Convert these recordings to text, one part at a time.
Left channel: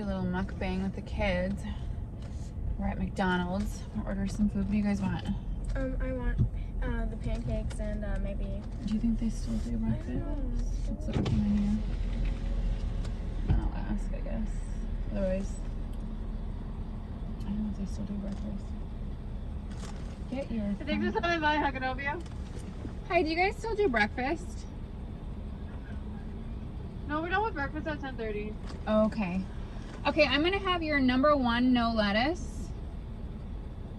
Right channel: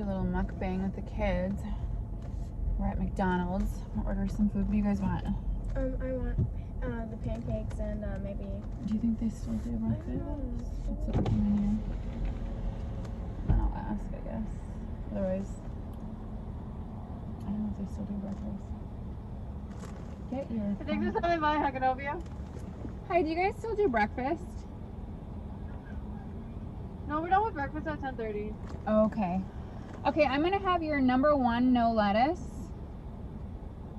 do a little mukbang with the kids. We're at McDonald's. We'll order some food. What do you guys want? I want the pancakes and maybe. Do you think they still do breakfast? Let's look at the menu. I'll ask, I guess. Otherwise, I don't know if they still do breakfast. Get your. I think there's something in mind. How can I help you? Hi, do you guys still do breakfast? No, we're done with breakfast at 10:30. Okay. Okay, I'm gonna have your number one no lettuce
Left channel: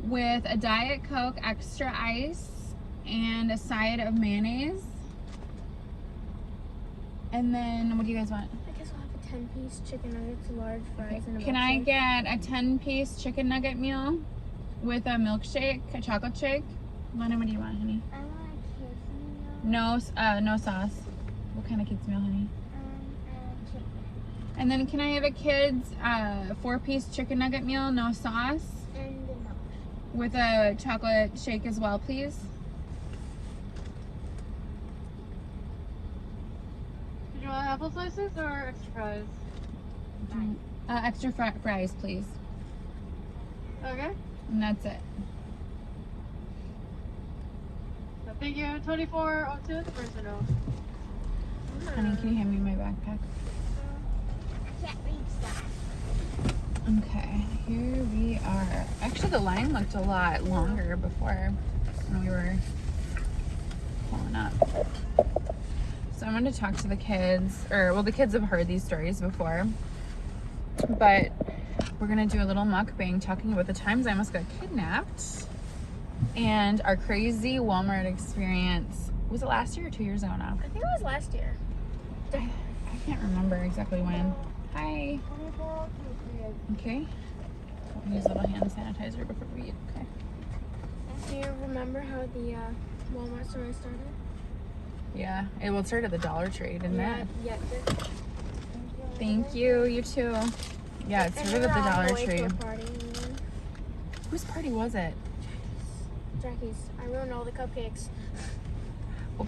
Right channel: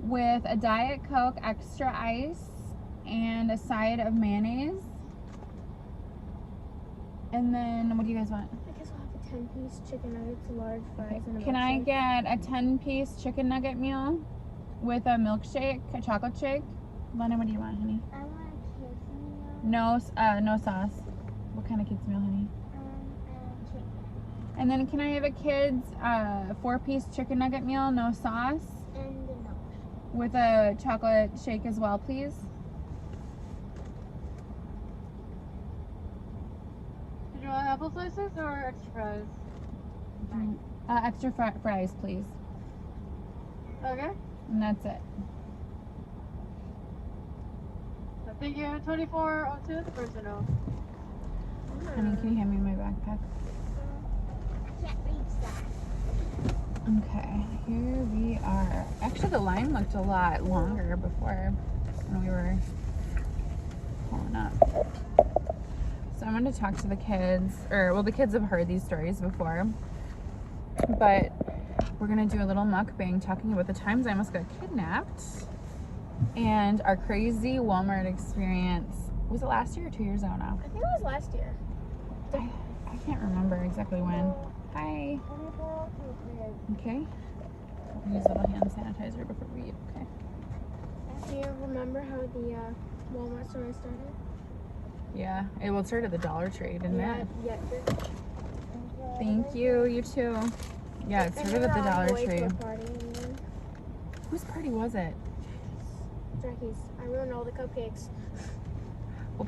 with a Diet Coke, extra ice, and a side of mayonnaise. And then, what do you guys want? I guess I'll have a 10-piece chicken nuggets, large fries, and a Can I milkshake. get a 10-piece chicken nugget meal with a milkshake, a chocolate shake? Lana, what do you want, honey? I want a kids meal. No sauce. What kind of kids meal, honey? Chicken. And then can I have a kid's 4-piece chicken nugget meal, no sauce, And the milkshake. with a chocolate shake as well, please? Did you want apple slices or extra fries? Extra fries, please. Okay. And that's it. Thank you. 2402 or no? Honey, can you hand me my backpack? I can't reach that. Okay, here we are. Actually, the line looked a lot longer before when we were pulling up. So I'm going to talk to the kids, well, the kids have heard these stories before, but we're going to do a little mukbang talking about the times I almost got kidnapped and our crazy Walmart experience. Was it last year or 2 years ago now? I think it was last year. I can't remember exactly when. Hi. Okay. We'll use a little hand sanitizer before we eat. Okay. Do you remember how the Walmart story started? Yeah. It started at the Dollar Tree, didn't it? Yeah. Thank you. You too. Yeah, it started at the Dollar Tree. Whose party was it? Jackie's. I ruined all the cupcakes.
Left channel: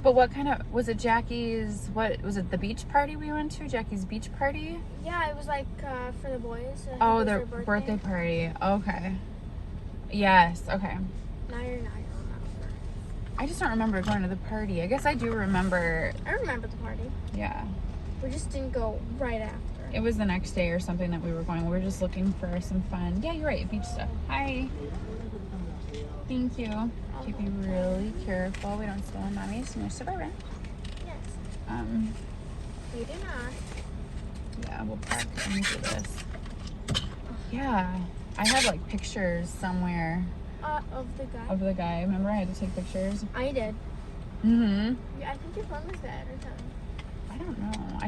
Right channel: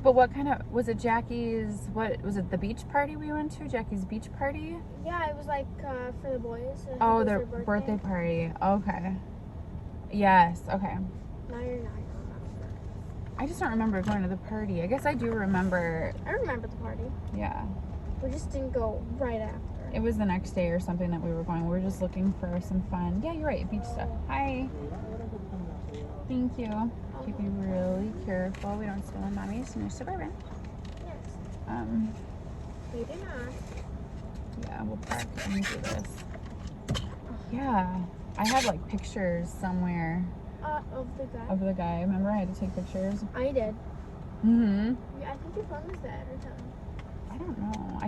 But what kind of, was it Jackie's, what, was it the beach party we went to? Jackie's beach party? Yeah, it was like for the boys. Oh, it was their their birthday party. Okay. Yes, okay. Now you're not. I just don't remember going to the party. I guess I do remember, I remember the party. yeah. We just didn't go right after. It was the next day or something that we were going. We were just looking for some fun. Yeah, you're right, beach stuff. Hi. Thank you. Keep you really careful. We don't steal Mommy's new Suburban. Yes. We do not. Yeah, we'll park and do this. Yeah, I have like pictures somewhere Of the guy. of the guy. Remember I had to take pictures? I did. Mm-hmm. I think your phone was bad or something. I don't know.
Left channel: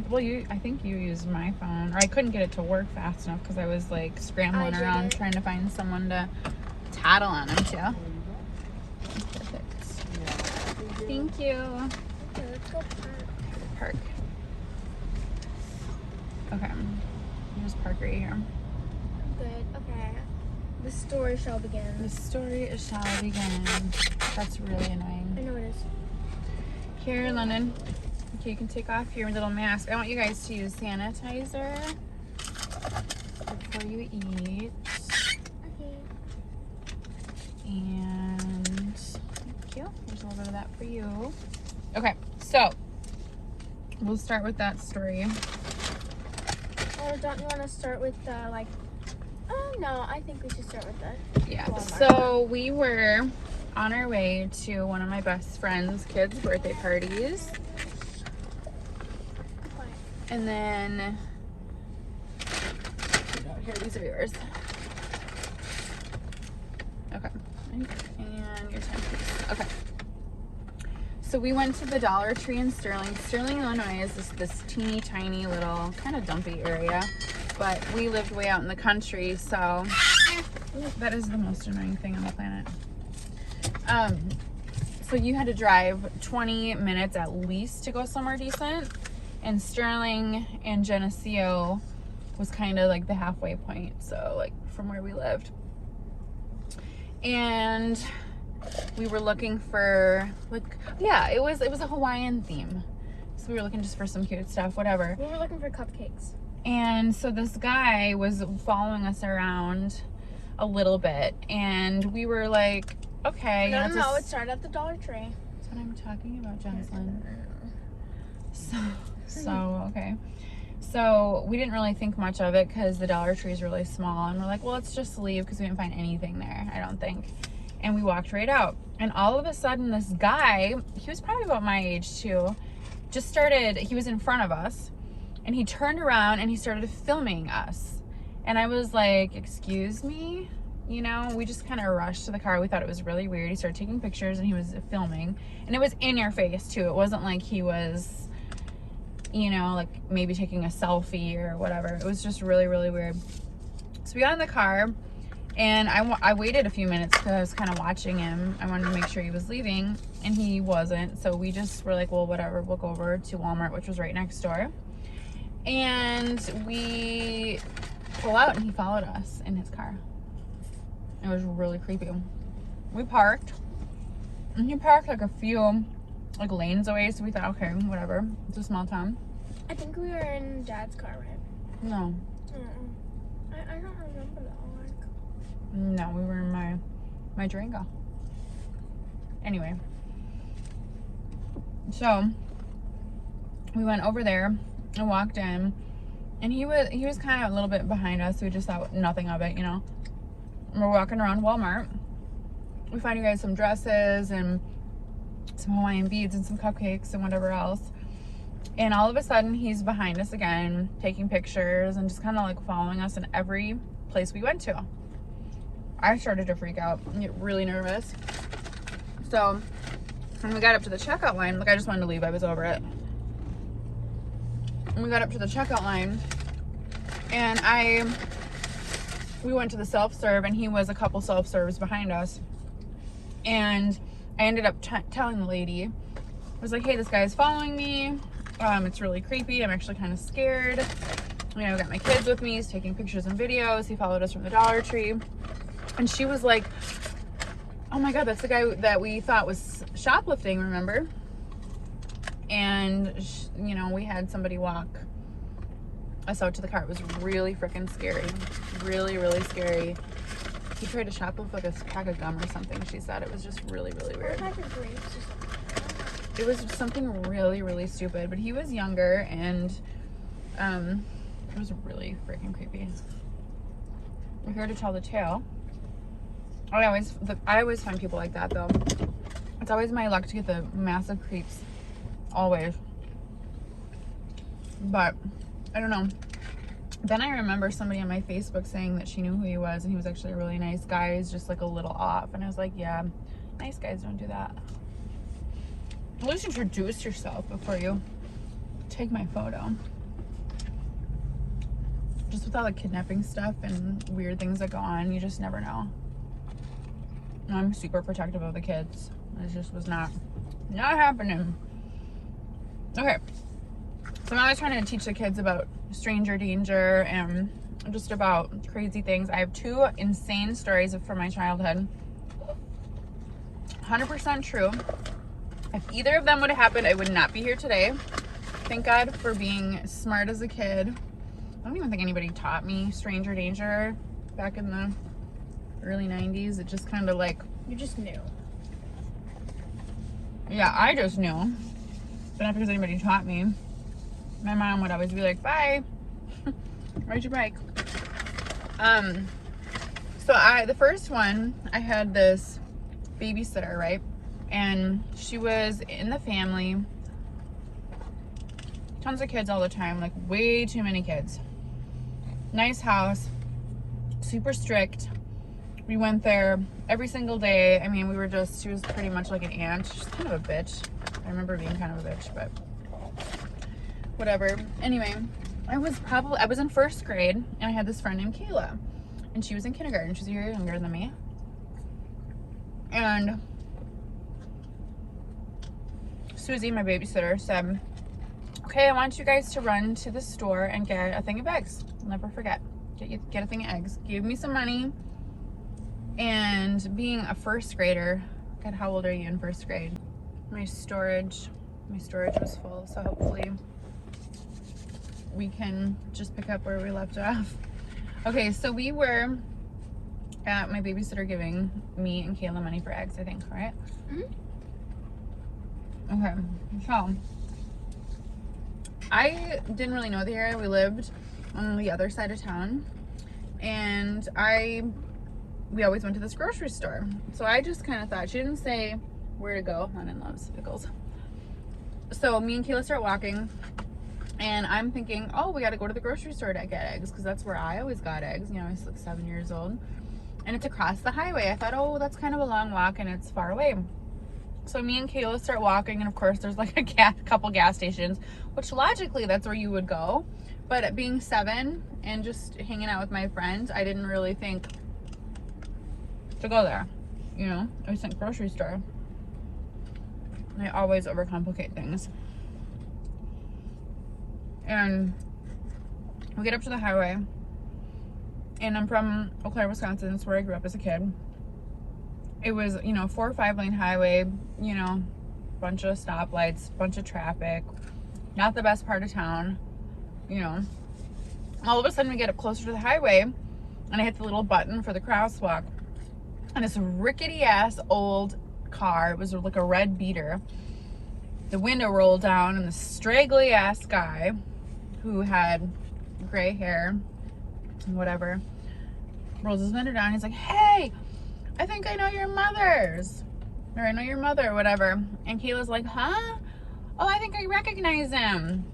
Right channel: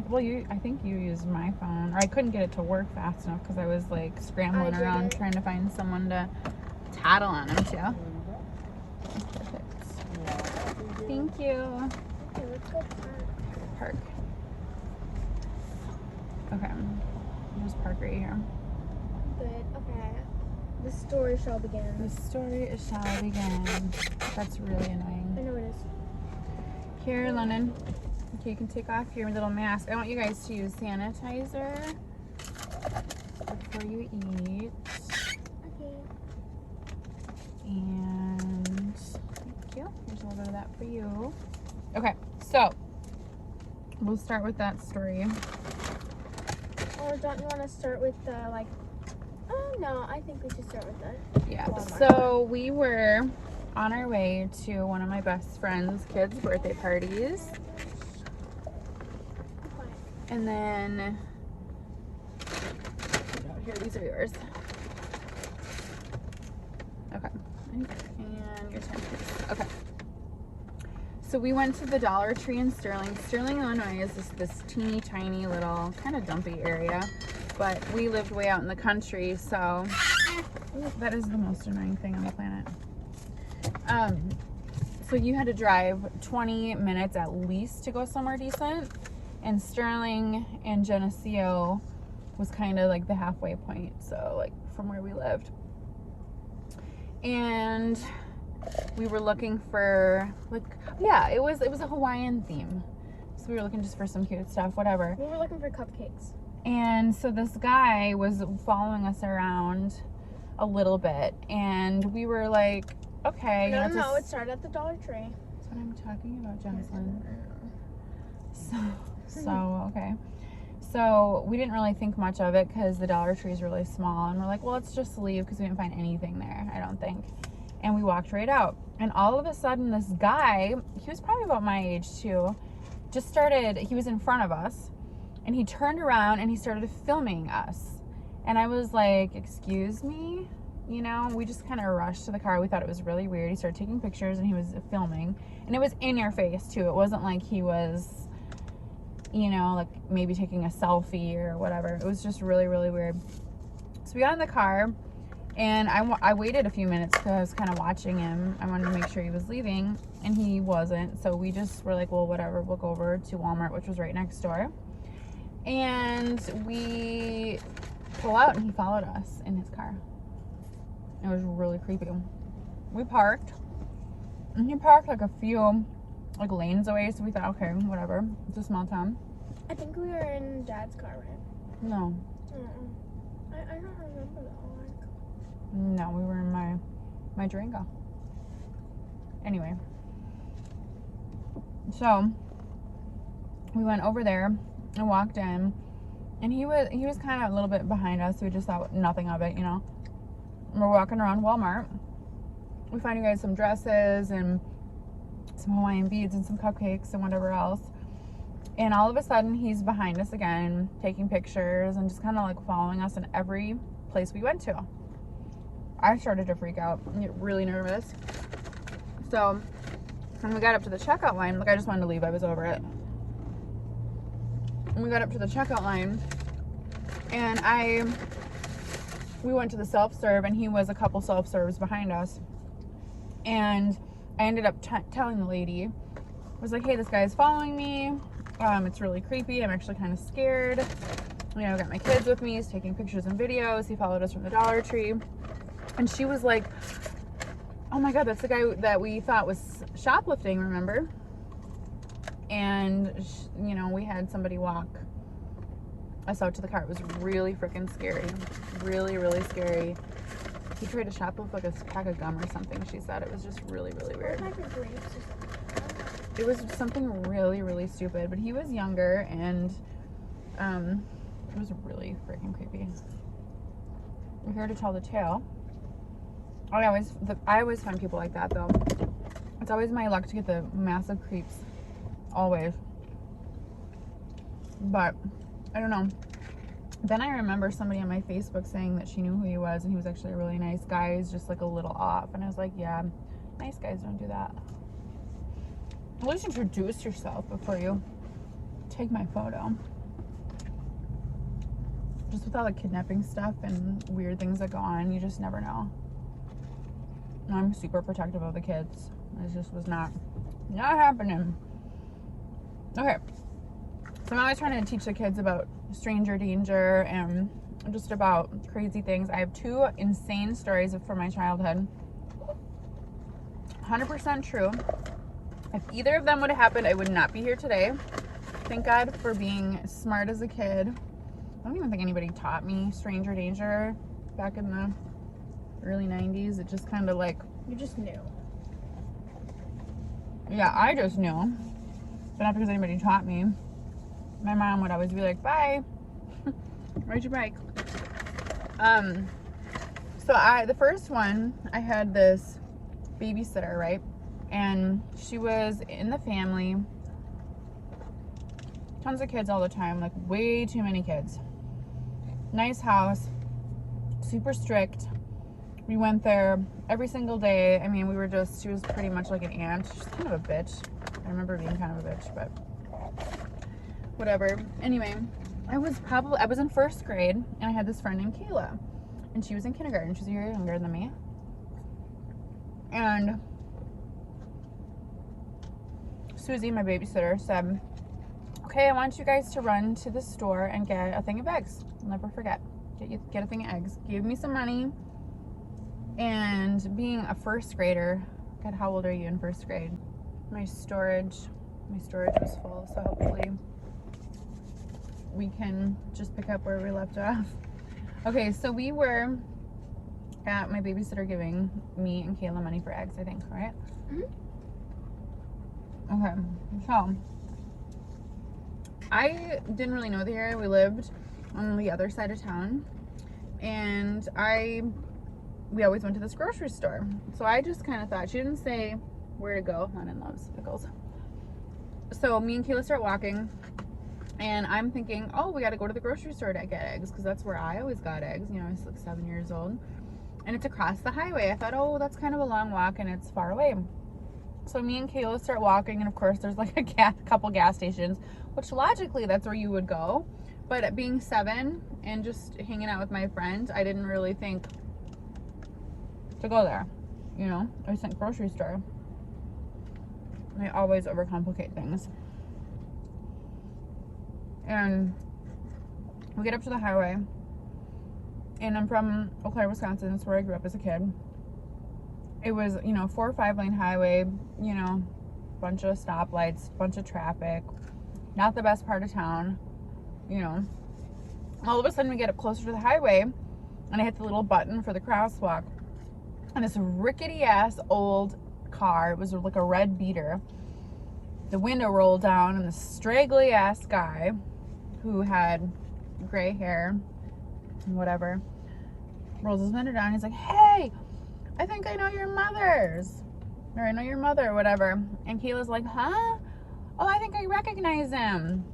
I think you used my phone. Or I couldn't get it to work fast enough because I was like scrambling around trying to find someone to tattle on him too. Perfect. Thank you. Okay, let's go Park. Okay. There's park right here. Good. Okay. The story shall begin. The story shall begin. That's really annoying. I know it is. Here, London. Okay, you can take off your little mask. I want you guys to use sanitizer before you eat. Okay. And thank you. Here's a little bit of that for you. Okay, so we'll start with that story. Or don't you want to start with like? Oh no, I think we should start with that. Yeah. Walmart. So we were on our way to one of my best friend's kids' birthday parties. And then, here, these are yours. Okay. And your 10 piece. Okay. So we went to the Dollar Tree in Sterling. Sterling, Illinois is this teeny tiny little kind of dumpy area, but we lived way out in the country, so that is the most annoying thing on the planet. So you had to drive 20 minutes at least to go somewhere decent. And Sterling and Geneseo was kind of like the halfway point, so like from where we lived. And we were looking for like, yeah, it was a Hawaiian theme. So we were looking just for some cute stuff, whatever. We were looking for cupcakes. And so this guy was following us around a little bit, and we were like, okay. No, that's no, it started at the Dollar Tree. That's what I'm talking about, Jocelyn. So okay. So we didn't really think much of it because the Dollar Tree is really small, and we're like, well, let's just leave because we didn't find anything there, I don't think. And we walked right out, and all of a sudden this guy, he was probably about my age too, just started, he was in front of us, and he turned around and he started filming us. And I was like, excuse me? You know, we just kind of rushed to the car. We thought it was really weird. He started taking pictures and he was filming, and it was in your face too. It wasn't like he was, you know, like maybe taking a selfie or whatever. It was just really, really weird. So we got in the car, and I waited a few minutes because I was kind of watching him. I wanted to make sure he was leaving, and he wasn't. So we just were like, well, whatever, we'll go over to Walmart, which was right next door. And we pull out, and he followed us in his car. It was really creepy. We parked, and he parked like a few like lanes away, so we thought, okay, whatever, it's a small town. I think we were in Dad's car, right? No, I don't remember that one. no, we were in my Durango. Anyway, so we went over there and walked in, and he was kind of a little bit behind us, so we just thought nothing of it, you know. We're walking around Walmart. We find you guys some dresses and some Hawaiian beads and some cupcakes and whatever else. And all of a sudden, he's behind us again, taking pictures and just kind of like following us in every place we went to. I started to freak out and get really nervous. So when we got up to the checkout line, like I just wanted to leave, I was over it. And we got up to the checkout line, and we went to the self-serve, and he was a couple self-serves behind us. And I ended up telling the lady, I was like, hey, this guy is following me. It's really creepy. I'm actually kind of scared. You know, I've got my kids with me. He's taking pictures and videos. He followed us from the Dollar Tree. And she was like, oh my God, that's the guy that we thought was shoplifting, remember? And, you know, we had somebody walk us out to the car. It was really freaking scary. Really, really scary. He tried to shoplift like a pack of gum or something, she said. It was just really, really weird. Or a pack of grapes or something. It was something really, really stupid. But he was younger, and it was really freaking creepy. We're here to tell the tale. I always find people like that, though. It's always my luck to get the massive creeps. Always. But I don't know. Then I remember somebody on my Facebook saying that she knew who he was, and he was actually a really nice guy. He's just like a little off. And I was like, yeah, nice guys don't do that. At least introduce yourself before you take my photo. Just with all the kidnapping stuff and weird things that go on, you just never know. I'm super protective of the kids. It just was not happening. Okay. So I'm always trying to teach the kids about stranger danger and just about crazy things. I have two insane stories from my childhood. 100% true. If either of them would have happened, I would not be here today. Thank God for being smart as a kid. I don't even think anybody taught me stranger danger back in the early 90s. It just kind of like... You just knew. Yeah, I just knew. But not because anybody taught me. My mom would always be like, bye. Ride your bike. So the first one, I had this babysitter, right? And she was in the family. Tons of kids all the time, like way too many kids. Nice house, super strict. We went there every single day. I mean, she was pretty much like an aunt. She's kind of a bitch. I remember being kind of a bitch, but whatever. Anyway, I was in first grade, and I had this friend named Kayla, and she was in kindergarten. She's a year younger than me. And Susie, my babysitter, said, okay, I want you guys to run to the store and get a thing of eggs. I'll never forget. Get a thing of eggs. Give me some money. And being a first grader, God, how old are you in first grade? My storage was full, so hopefully we can just pick up where we left off. Okay, so we were at my babysitter giving me and Kayla money for eggs, I think, right? Okay, so I didn't really know the area. We lived on the other side of town, and we always went to this grocery store. So I just kind of thought, she didn't say where to go. Lennon loves pickles. So me and Kayla start walking, and I'm thinking, oh, we got to go to the grocery store to get eggs, because that's where I always got eggs. You know, I was like 7 years old, and it's across the highway. I thought, oh, that's kind of a long walk, and it's far away. So me and Kayla start walking, and of course there's like a couple gas stations, which logically that's where you would go. But being 7 and just hanging out with my friends, I didn't really think to go there. You know, I was think grocery store. I always overcomplicate things. And we get up to the highway, and I'm from Eau Claire, Wisconsin. That's where I grew up as a kid. It was, you know, 4 or 5 lane highway, you know, bunch of stoplights, bunch of traffic, not the best part of town, you know. All of a sudden we get up closer to the highway, and I hit the little button for the crosswalk, and this rickety ass old car, it was like a red beater, the window rolled down, and the straggly ass guy who had gray hair and whatever rolls his window down. He's like, hey, I think I know your mother's, or I know your mother, or whatever. And Kayla's like, huh? Oh, I think I recognize him.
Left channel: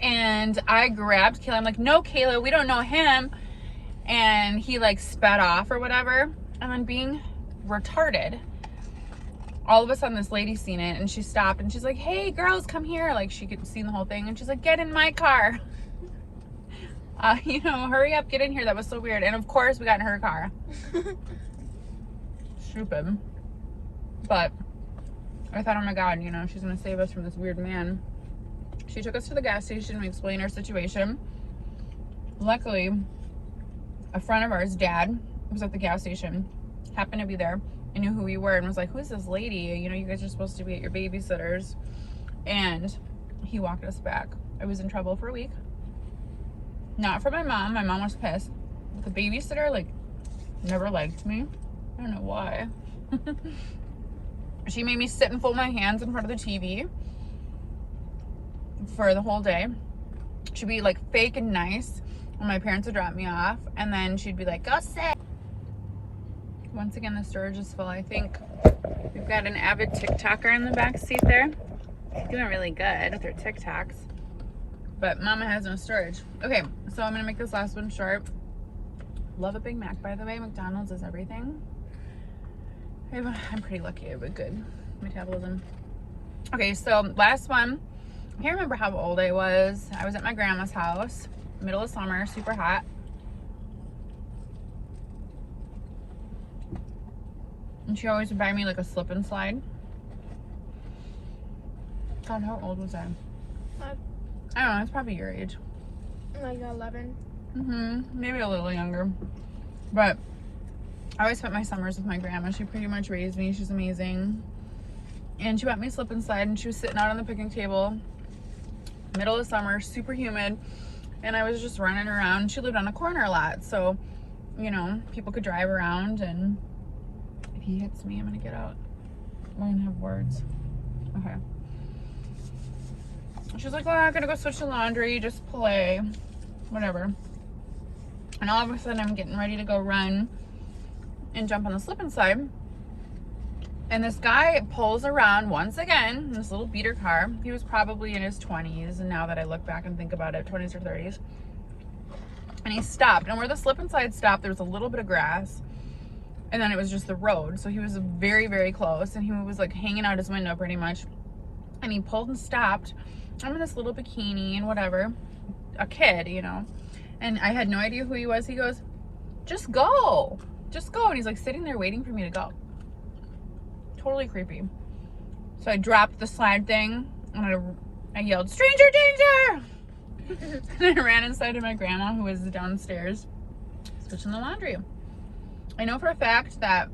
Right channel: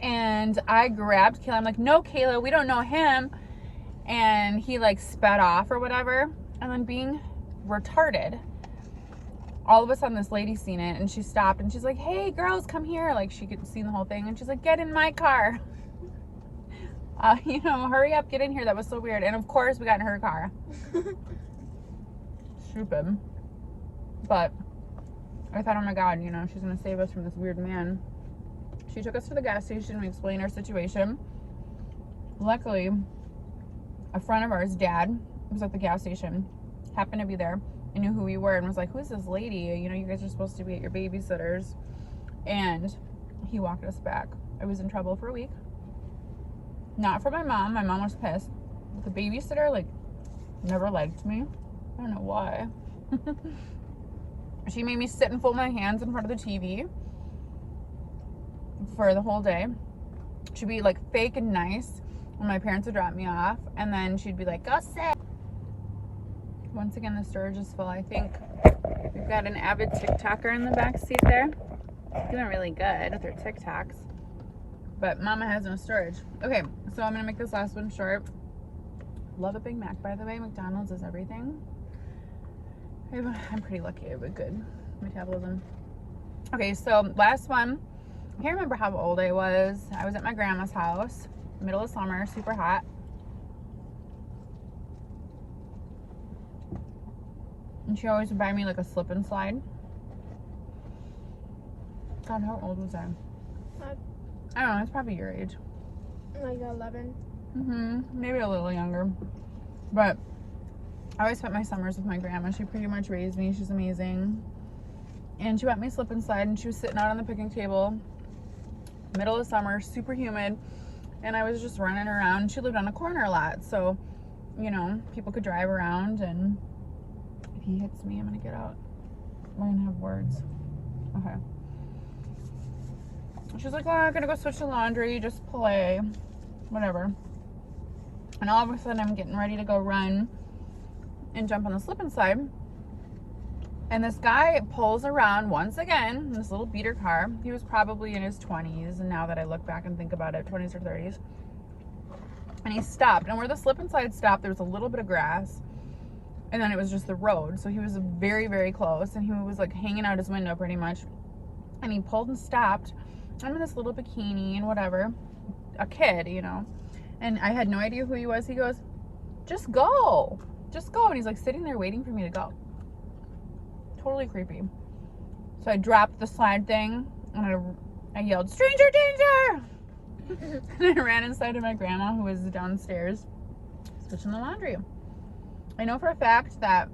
And I grabbed Kayla. I'm like, no, Kayla, we don't know him. And he like sped off or whatever. And then being retarded, all of a sudden this lady seen it, and she stopped, and she's like, hey, girls, come here. Like, she could see the whole thing. And she's like, get in my car. You know, hurry up, get in here. That was so weird. And of course we got in her car. Stupid. But I thought, oh my god, you know, she's gonna save us from this weird man. She took us to the gas station. We explained our situation. Luckily, a friend of ours, dad, was at the gas station, happened to be there, and knew who we were, and was like, who's this lady? You know, you guys are supposed to be at your babysitter's. And he walked us back. I was in trouble for a week. Not for my mom. My mom was pissed. The babysitter, like, never liked me. I don't know why. She made me sit and fold my hands in front of the TV for the whole day. She'd be like fake and nice when my parents would drop me off, and then she'd be like, go sit. Once again, the storage is full. I think we've got an avid TikToker in the back seat there. Doing really good with her TikToks. But Mama has no storage. Okay, so I'm gonna make this last one short. Love a Big Mac, by the way. McDonald's is everything. I'm pretty lucky. I have a good metabolism. Okay, so last one. I can't remember how old I was. I was at my grandma's house, middle of summer, super hot. And she always would buy me like a slip and slide. God, how old was I? I don't know, it's probably your age. Like 11. Maybe a little younger. But I always spent my summers with my grandma. She pretty much raised me. She's amazing. And she bought me a slip and slide, and she was sitting out on the picnic table, middle of summer, super humid, and I was just running around. She lived on a corner a lot, so, you know, people could drive around, and if he hits me, I'm gonna get out. We're gonna have words. Okay. She's like, oh, I'm gonna go switch the laundry, just play, whatever. And all of a sudden, I'm getting ready to go run and jump on the slip and slide. And this guy pulls around once again in this little beater car. He was probably in his 20s, and now that I look back and think about it, 20s or 30s. And he stopped, and where the slip and slide stopped, there was a little bit of grass, and then it was just the road. So he was very, very close, and he was like hanging out his window pretty much. And he pulled and stopped. I'm in this little bikini and whatever, a kid, you know, and I had no idea who he was. He goes, just go, and he's like sitting there waiting for me to go. Totally creepy. So I dropped the slide thing, and I yelled, stranger danger. And I ran inside of my grandma, who was downstairs switching the laundry. I know for a fact that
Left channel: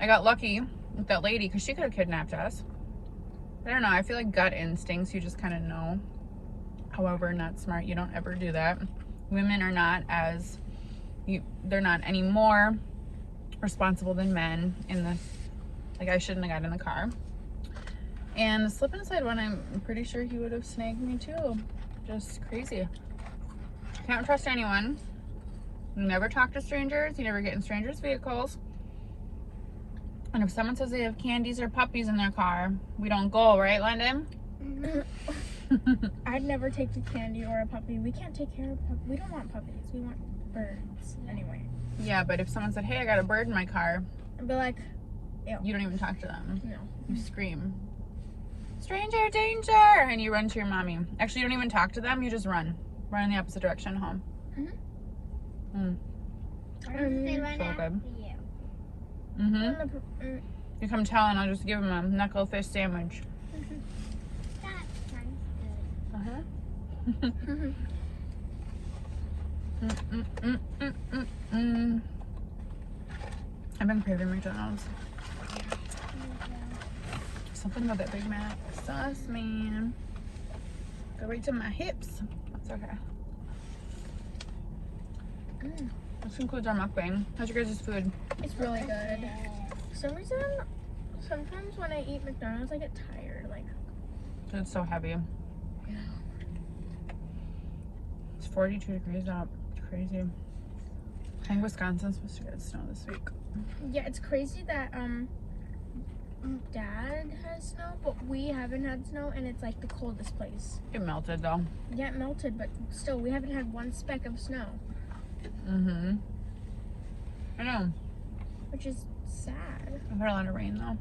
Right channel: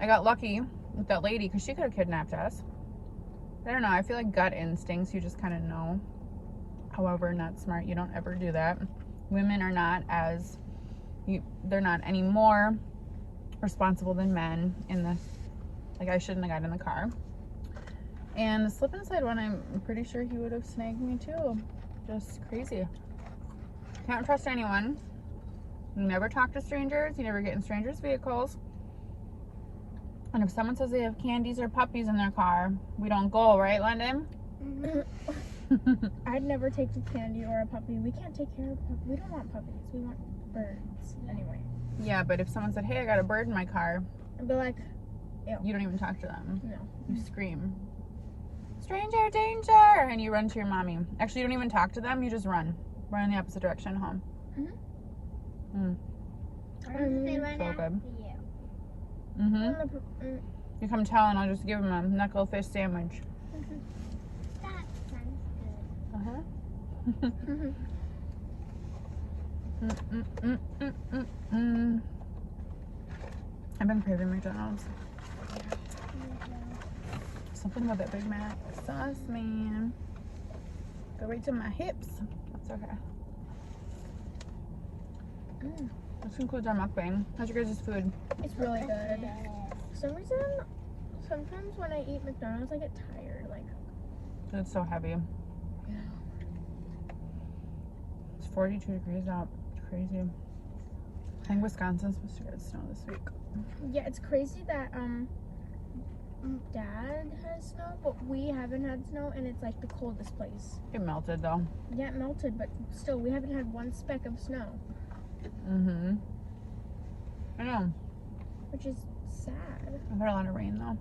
I got lucky with that lady, because she could have kidnapped us. I don't know, I feel like gut instincts, you just kind of know however not smart. You don't ever do that. Women are not they're not any more responsible than men in this. Like, I shouldn't have got in the car. And the slip and slide one, I'm pretty sure he would have snagged me too. Just crazy. Can't trust anyone. You never talk to strangers. You never get in strangers' vehicles. And if someone says they have candies or puppies in their car, we don't go, right, London? I'd never take a candy or a puppy. We can't take care of puppies. We don't want puppies. We want birds. Anyway. Yeah, but if someone said, hey, I got a bird in my car, I'd be like, you don't even talk to them. no. You scream, stranger danger, and you run to your mommy. Actually, you don't even talk to them. You just run in the opposite direction home. They run So after good. you. You come tell, and I'll just give them a knuckle fish sandwich. That sounds I've been craving McDonald's. Something about that Big Mac sauce, man. Go right to my hips. That's okay. This concludes our mukbang. How's your guys' food? It's really good. For some reason, sometimes when I eat McDonald's, I get tired. Like, It's so heavy. yeah. It's 42 degrees out. It's crazy. I think Wisconsin's supposed to get snow this week. Yeah, it's crazy that Dad has snow, but we haven't had snow, and it's like the coldest place. It melted though. Yeah, it melted, but still, we haven't had one speck of snow, I know. which is sad. I've had a lot of rain though.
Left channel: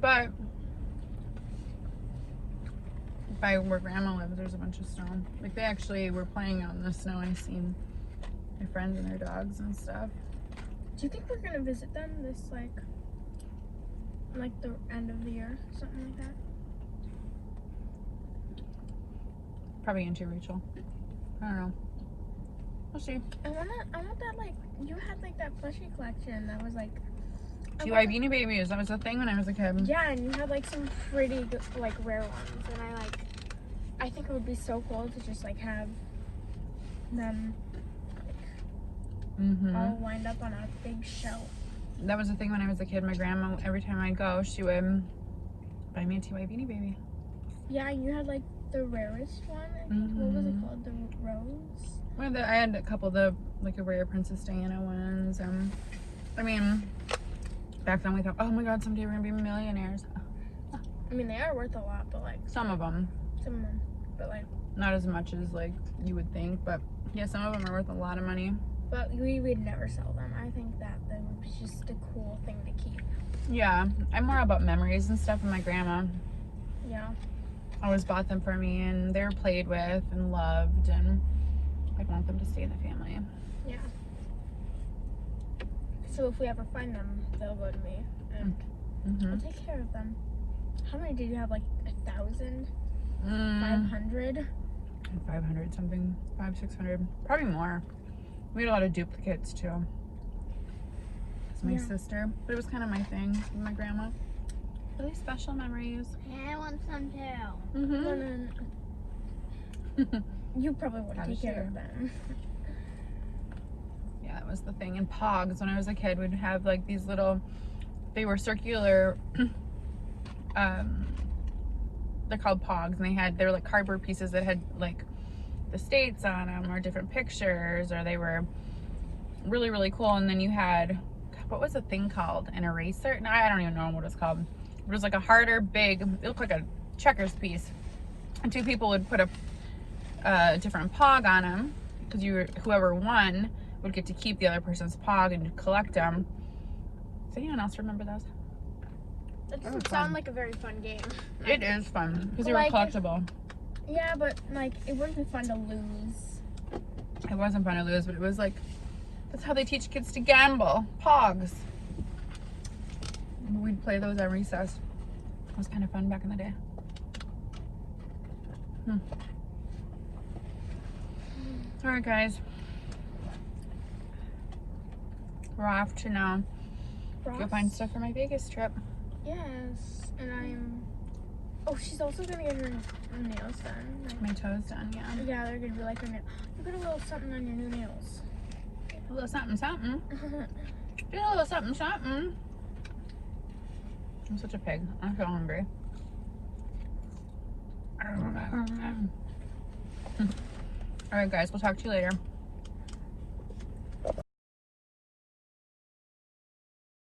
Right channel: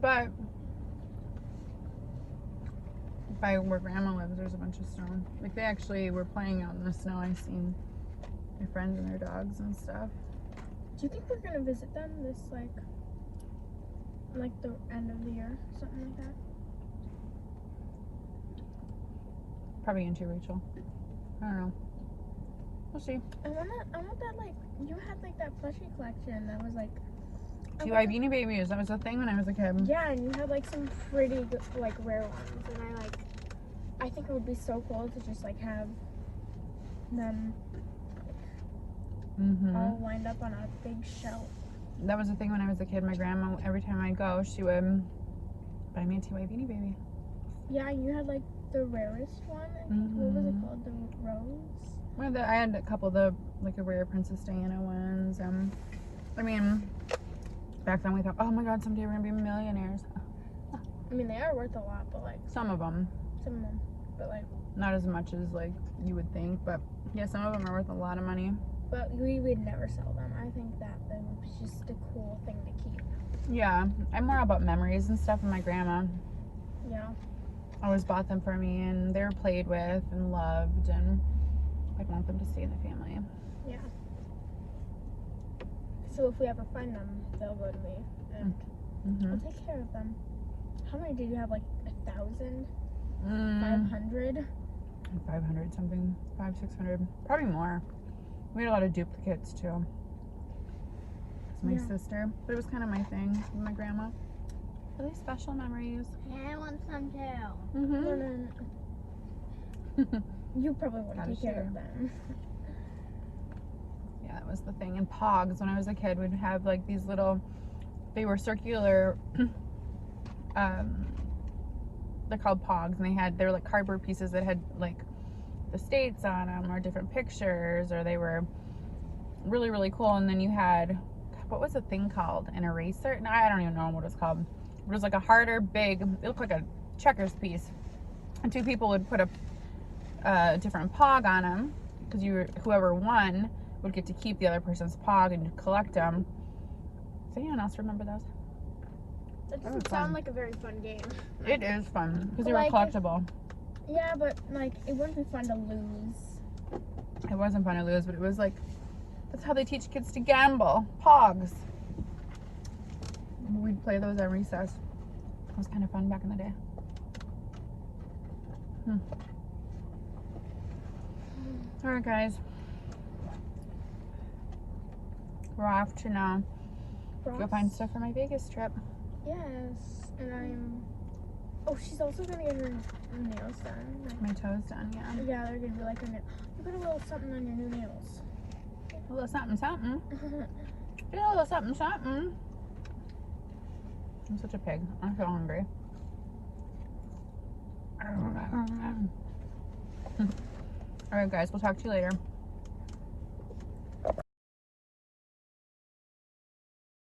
But by where Grandma lives, there's a bunch of snow. Like, they actually were playing out in the snow. I seen my friends and their dogs and stuff. Do you think we're gonna visit them this like the end of the year, something like that? Probably into Rachel. I don't know. We'll see. I want that, like, you had like that plushie collection that was like TY Beanie Babies. That was a thing when I was a kid. yeah, and you had like some pretty good, like, rare ones, and I think it would be so cool to just like have them all lined up on a big shelf. That was the thing when I was a kid. My grandma, every time I'd go, she would buy me a TY Beanie Baby. Yeah, and you had like the rarest one. I think. What was it called? The rose. Well, I had a couple of the, like, a rare Princess Diana ones. I mean, back then we thought, oh my God, someday we're gonna be millionaires. I mean, they are worth a lot, but like Some of them, some of them, but like, not as much as like you would think, but yeah, some of them are worth a lot of money. but we would never sell them. I think that would be just a cool thing to keep. Yeah, I'm more about memories and stuff. And my grandma Yeah. always bought them for me, and they were played with and loved, and I'd want them to stay in the family. Yeah. So if we ever find them, they'll go to me, and we'll take care of them. How many did you have? Like 1,000? 500? 500 something, 500-600, probably more. We had a lot of duplicates too. It's my Yeah. sister, but it was kind of my thing with my grandma. Really special memories. Yeah, I want some too. No. You probably wouldn't Gotta take care share. of them. Yeah, that was the thing. And Pogs, when I was a kid, we'd have like these little, they were circular, they're called Pogs, and they were like cardboard pieces that had like the states on them or different pictures, or they were really, really cool. And then you had, what was the thing called? An eraser? No, I don't even know what it was called. It was like a harder, big, it looked like a checkers piece. And two people would put a different Pog on them, because whoever won would get to keep the other person's Pog and collect them. Does anyone else remember those? That That was doesn't fun. sound like a very fun game. It is fun because they were Like- collectible. Yeah, but like it wouldn't be fun to lose. It wasn't fun to lose, but it was like, that's how they teach kids to gamble. Pogs. We'd play those at recess. It was kind of fun back in the day. All right, guys. We're off to now. Go Ross? find stuff for my Vegas trip. Yes, and I'm Oh, she's also gonna get her nails done. Like, My toes done, yeah. yeah, they're gonna be like her nails. You got a little something on your new nails. A little something, something. Do a little something, something. I'm such a pig. I'm so hungry. Alright, guys. We'll talk to you later.